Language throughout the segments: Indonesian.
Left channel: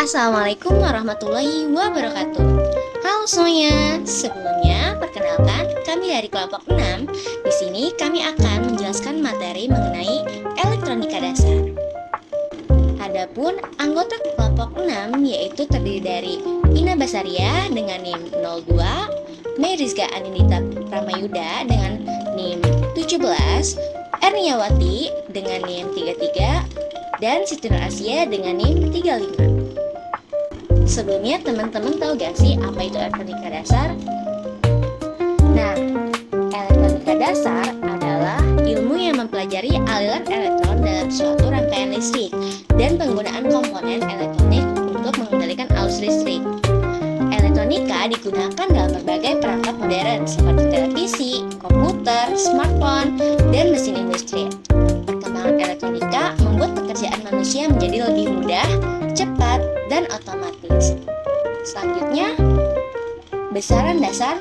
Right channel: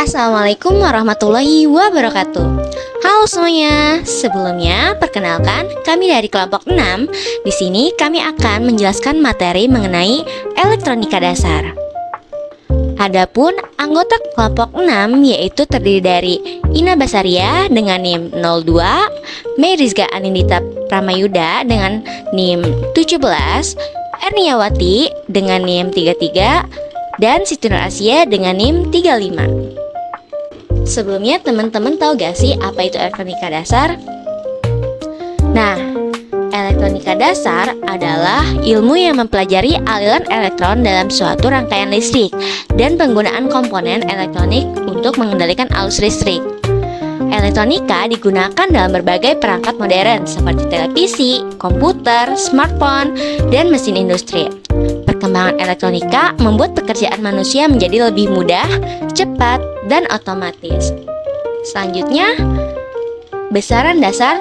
Assalamualaikum warahmatullahi wabarakatuh. Halo semuanya, sebelumnya perkenalkan kami dari kelompok 6. Di sini kami akan menjelaskan materi mengenai elektronika dasar. Adapun anggota kelompok 6 yaitu terdiri dari Ina Basaria dengan NIM 02, Mei Rizka Anindita Pramayuda dengan NIM 17, Erniawati dengan NIM 33, dan Siti Nur Asia dengan NIM 35. Sebelumnya teman-teman tahu gak sih apa itu elektronika dasar? Nah, elektronika dasar adalah ilmu yang mempelajari aliran elektron dalam suatu rangkaian listrik dan penggunaan komponen elektronik untuk mengendalikan arus listrik. Elektronika digunakan dalam berbagai perangkat modern seperti televisi, komputer, smartphone, dan mesin industri. Perkembangan elektronika membuat pekerjaan manusia menjadi lebih mudah, cepat, dan otomatis. Selanjutnya, besaran dasar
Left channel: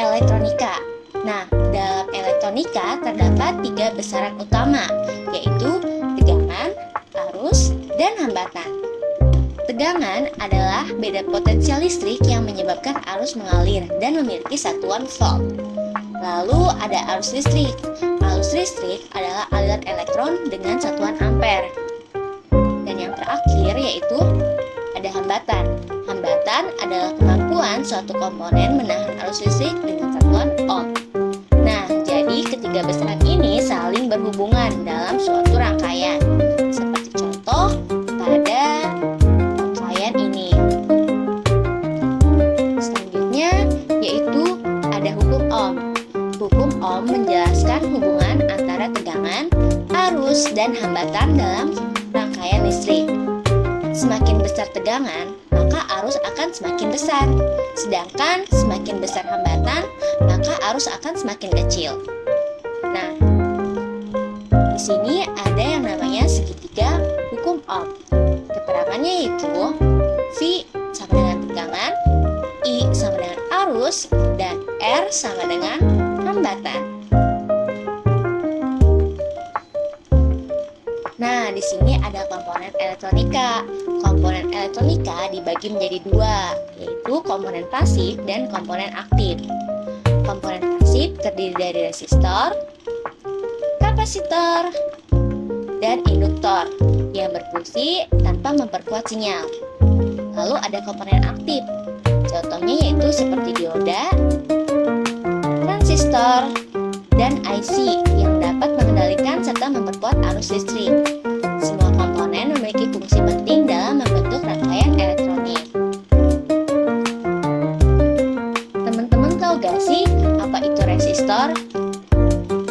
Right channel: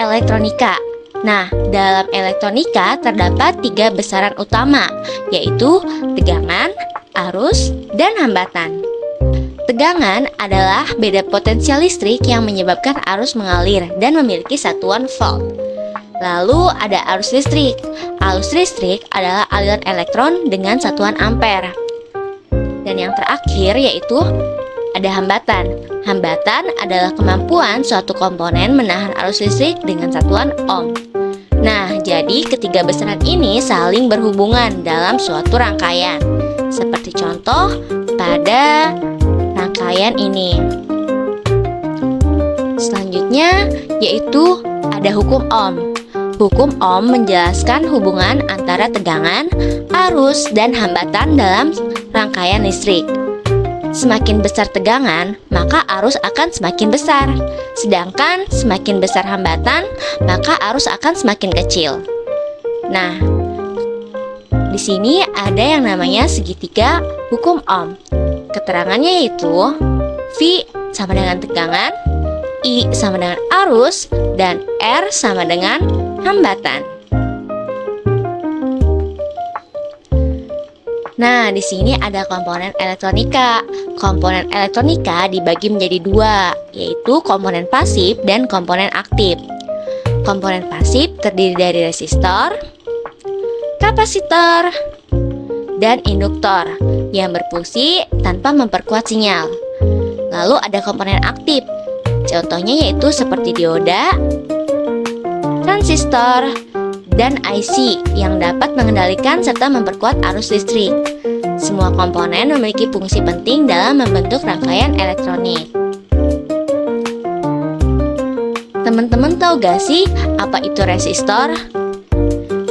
elektronika. Nah, dalam elektronika terdapat 3 besaran utama, yaitu tegangan, arus, dan hambatan. Tegangan adalah beda potensial listrik yang menyebabkan arus mengalir dan memiliki satuan volt. Lalu ada arus listrik. Arus listrik adalah aliran elektron dengan satuan ampere. Dan yang terakhir yaitu ada hambatan. Hambatan adalah kemampuan suatu komponen menahan arus listrik dengan satuan ohm. Nah, jadi ketiga besaran ini saling berhubungan dalam suatu rangkaian. Seperti contoh pada rangkaian ini. Selanjutnya yaitu ada hukum ohm. Hukum ohm menjelaskan hubungan antara tegangan, arus, dan hambatan dalam rangkaian listrik. Semakin besar tegangan, maka arus akan semakin besar. Sedangkan semakin besar hambatan, maka arus akan semakin kecil. Nah, di sini ada yang namanya segitiga hukum ohm. Keterangannya yaitu V sama dengan tegangan, I sama dengan arus, dan R sama dengan hambatan. Nah, di sini ada komponen elektronika. Komponen elektronika dibagi menjadi 2, yaitu komponen pasif dan komponen aktif. Komponen pasif terdiri dari resistor, kapasitor, dan induktor yang berfungsi tanpa memperkuat sinyal. Lalu ada komponen aktif. Contohnya yaitu seperti dioda, transistor, dan IC yang dapat mengendalikan serta memperkuat arus listrik. Semua komponen memiliki fungsi penting dalam membentuk rangkaian elektronik. Teman-teman tahu gak sih apa itu resistor?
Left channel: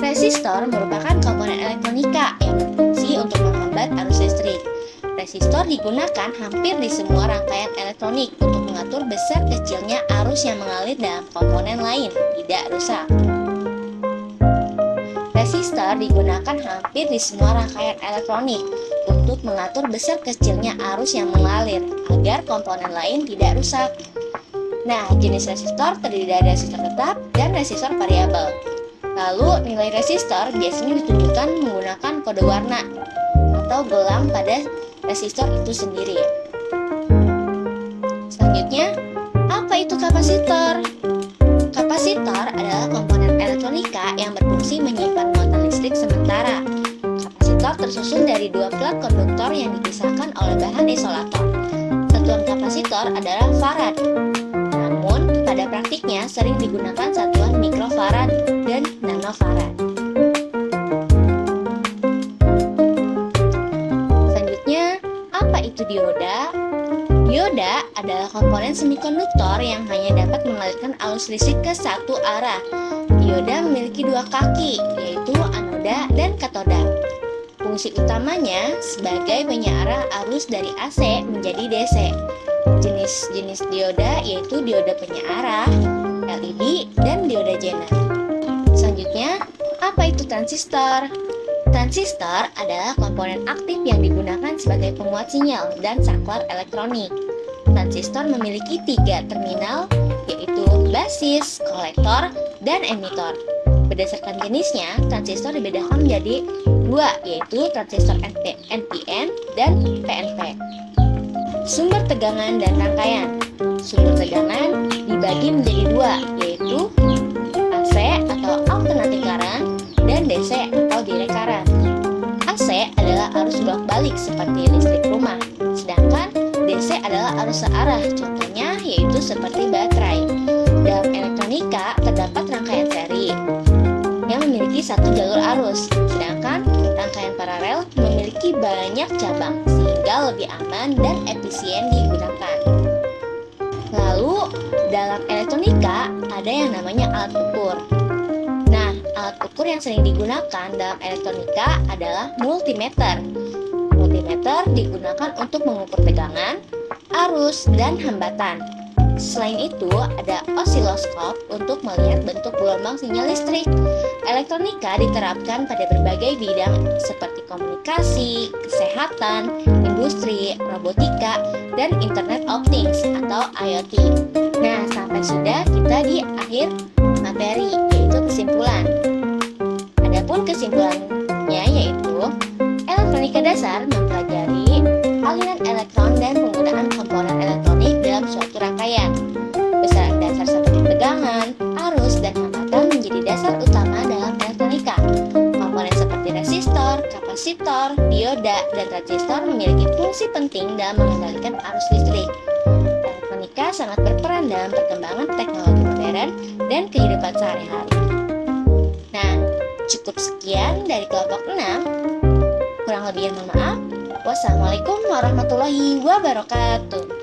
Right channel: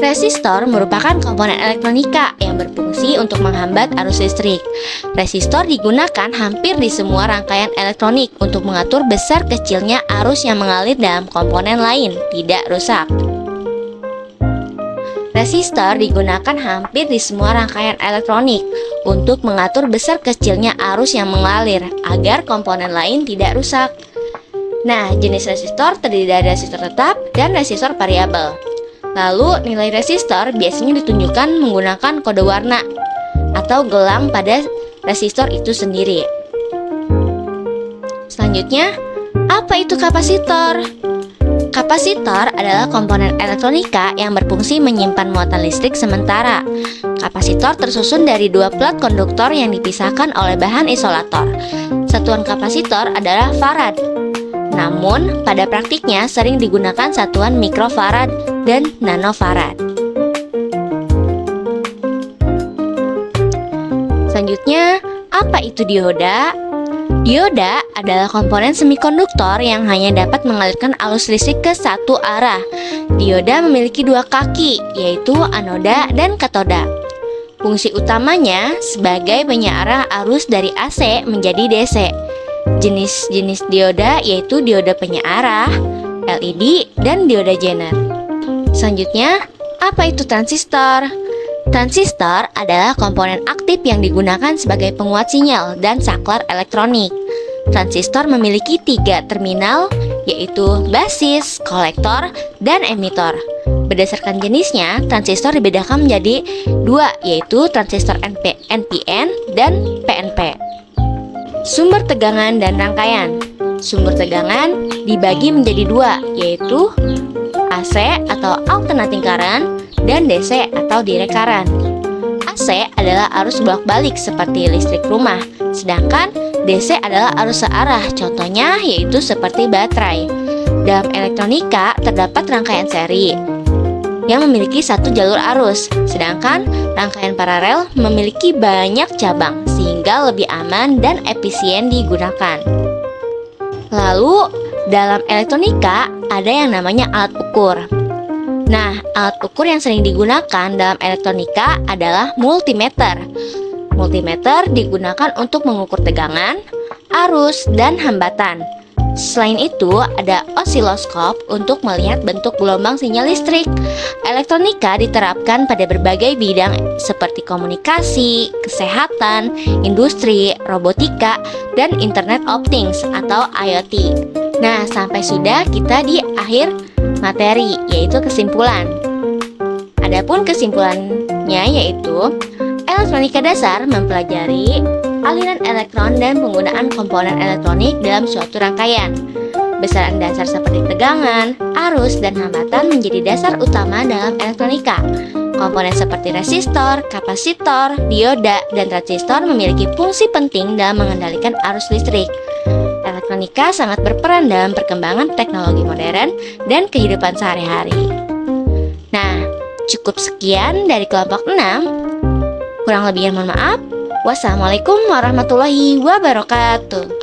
Resistor merupakan komponen elektronika yang berfungsi untuk menghambat arus listrik. Resistor digunakan hampir di semua rangkaian elektronik untuk mengatur besar kecilnya arus yang mengalir dalam komponen lain, tidak rusak. Resistor digunakan hampir di semua rangkaian elektronik untuk mengatur besar kecilnya arus yang mengalir agar komponen lain tidak rusak. Nah, jenis resistor terdiri dari resistor tetap dan resistor variabel. Lalu, nilai resistor biasanya ditunjukkan menggunakan kode warna atau gelang pada resistor itu sendiri. Selanjutnya, apa itu kapasitor? Kapasitor adalah komponen elektronika yang berfungsi menyimpan muatan listrik sementara. Kapasitor tersusun dari 2 plat konduktor yang dipisahkan oleh bahan isolator. Satuan kapasitor adalah farad. Namun, pada praktiknya sering digunakan satuan mikrofarad dan nanofarad. Selanjutnya, apa itu dioda? Dioda adalah komponen semikonduktor yang hanya dapat mengalirkan arus listrik ke satu arah. Dioda memiliki 2 kaki, yaitu anoda dan katoda. Fungsi utamanya sebagai penyearah arus dari AC menjadi DC. Jenis-jenis dioda yaitu dioda penyearah, LED, dan dioda Zener. Selanjutnya, apa itu transistor? Transistor adalah komponen aktif yang digunakan sebagai penguat sinyal dan saklar elektronik. Transistor memiliki 3 terminal, yaitu basis, kolektor, dan emitor. Berdasarkan jenisnya, transistor dibedakan menjadi 2, yaitu transistor NPN dan PNP. Sumber tegangan dan rangkaian. Sumber tegangan dibagi menjadi dua, yaitu AC atau alternating current dan DC atau direct current. AC adalah arus bolak-balik seperti listrik rumah, sedangkan DC adalah arus searah, contohnya yaitu seperti baterai. Dalam elektronika terdapat rangkaian seri yang memiliki satu jalur arus, sedangkan rangkaian paralel memiliki banyak cabang sehingga lebih aman dan efisien digunakan. Lalu, dalam elektronika ada yang namanya alat ukur. Nah, alat ukur yang sering digunakan dalam elektronika adalah multimeter. Multimeter digunakan untuk mengukur tegangan, arus, dan hambatan. Selain itu, ada osiloskop untuk melihat bentuk gelombang sinyal listrik. Elektronika diterapkan pada berbagai bidang seperti komunikasi, kesehatan, industri, robotika, dan Internet of Things atau IoT. Nah, sampai sudah kita di akhir materi, yaitu kesimpulan. Adapun kesimpulannya yaitu elektronika dasar mempelajari aliran elektron dan penggunaan komponen elektronik dalam suatu rangkaian. Besaran dasar seperti tegangan, arus, dan hambatan menjadi dasar utama dalam elektronika. Komponen seperti resistor, kapasitor, dioda, dan transistor memiliki fungsi penting dalam mengendalikan arus listrik. Elektronika sangat berperan dalam perkembangan teknologi modern dan kehidupan sehari-hari. Nah, cukup sekian dari kelompok 6. Kurang lebihnya mohon maaf. Wassalamualaikum warahmatullahi wabarakatuh.